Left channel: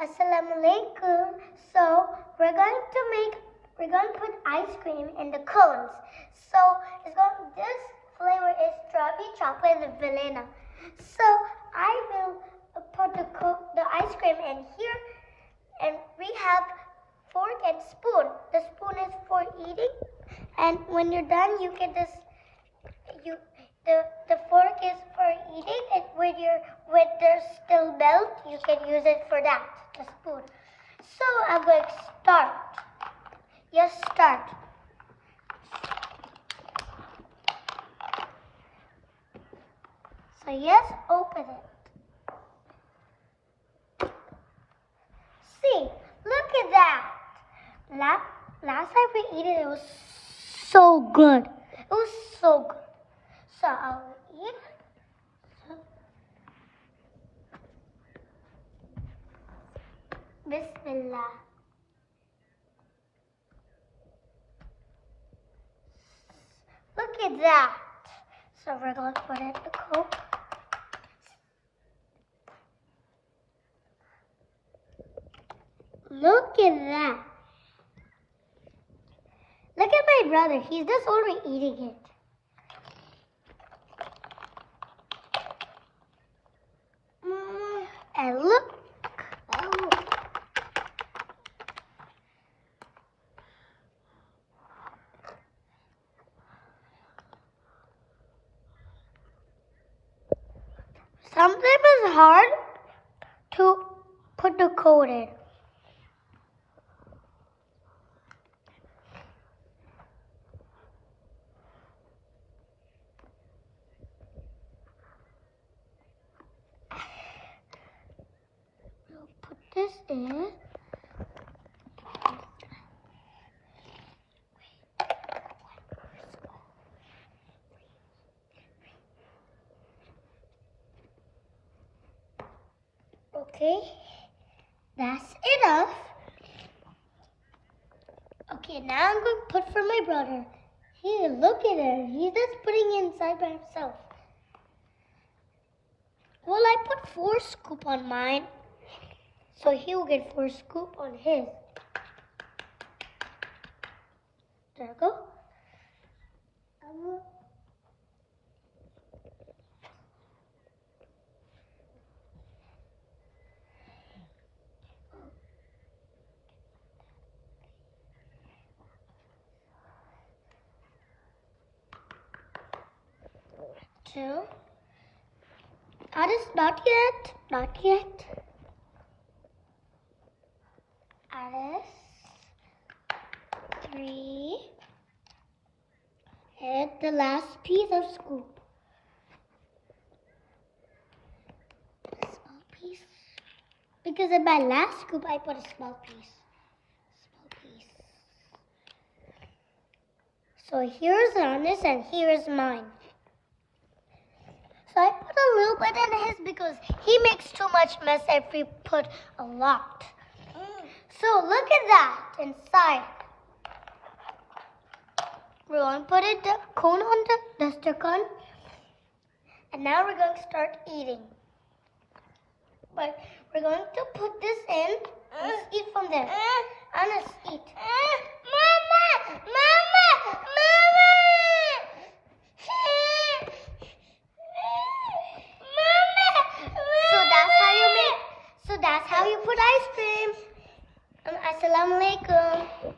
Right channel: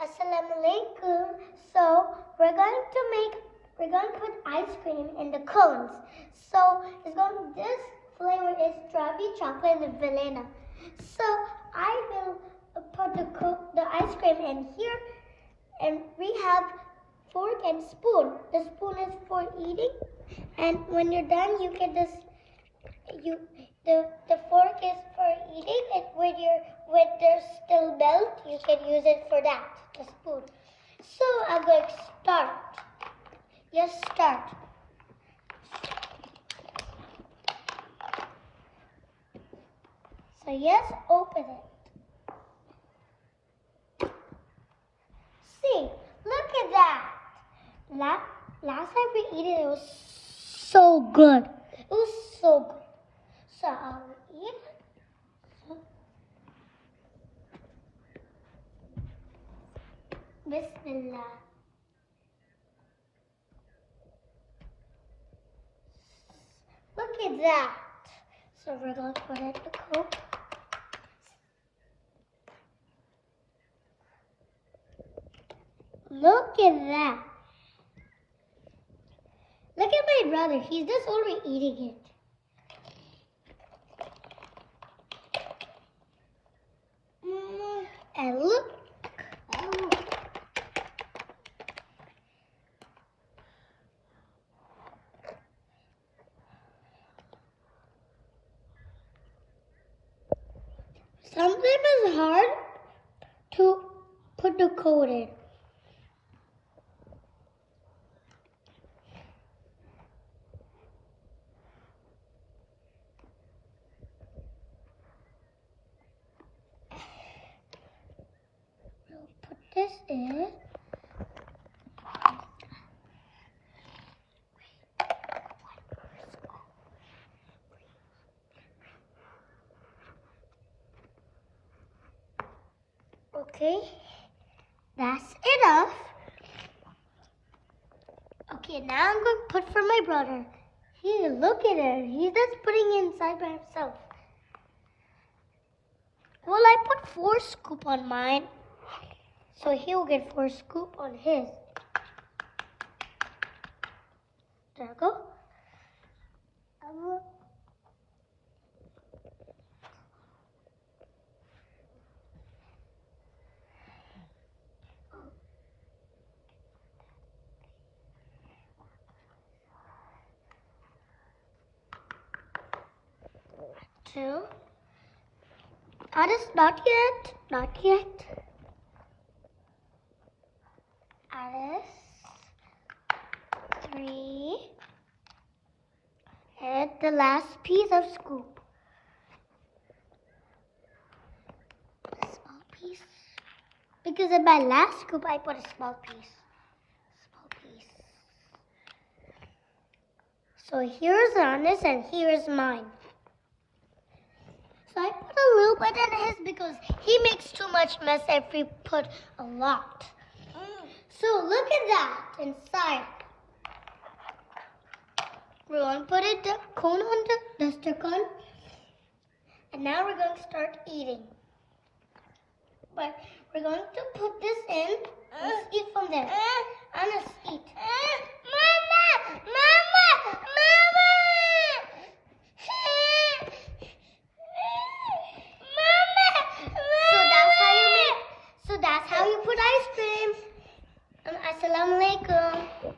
Assalamu alaikum. So we're going to put ice cream in the cones. So this flavor is strawberry, chocolate, and vanilla. So I will put the ice cream in here, and we have fork and spoon. The spoon is for eating, and when you're done, you get this. The fork is for eating, and when there's still melt, you can use it for that. The spoon. So I'm going to start. Yes, start. So yes, open it. See, look at that. Last time we eat it, it was so good. It was so good. So I'll eat. Bismillah. Look at that. So we're going to put it in the Coke. Look at that. Look at my brother. He's just already eating it. And look. Sometimes it's hard to put the code in. We'll put this in. Okay, that's enough. Okay, now I'm going to put for my brother. Here, look at it. He's just putting it inside by himself. Well, I put 4 scoops on mine, so he will get 4 scoops on his. There we go. Two. Not yet. Not yet. Alice. 3. And the last piece of scoop. A small piece. Because in my last scoop, I put a small piece. So here's Ana's and here's mine. So I put a little bit in his because he makes too much mess if we put a lot. So look at that inside. We're going to put the cone on the duster cone. And now we're going to start eating. But we're going to put this in and eat from there. Anna, eat. Mama! Mama! Mama! So that's how you put ice cream. Assalamu alaikum.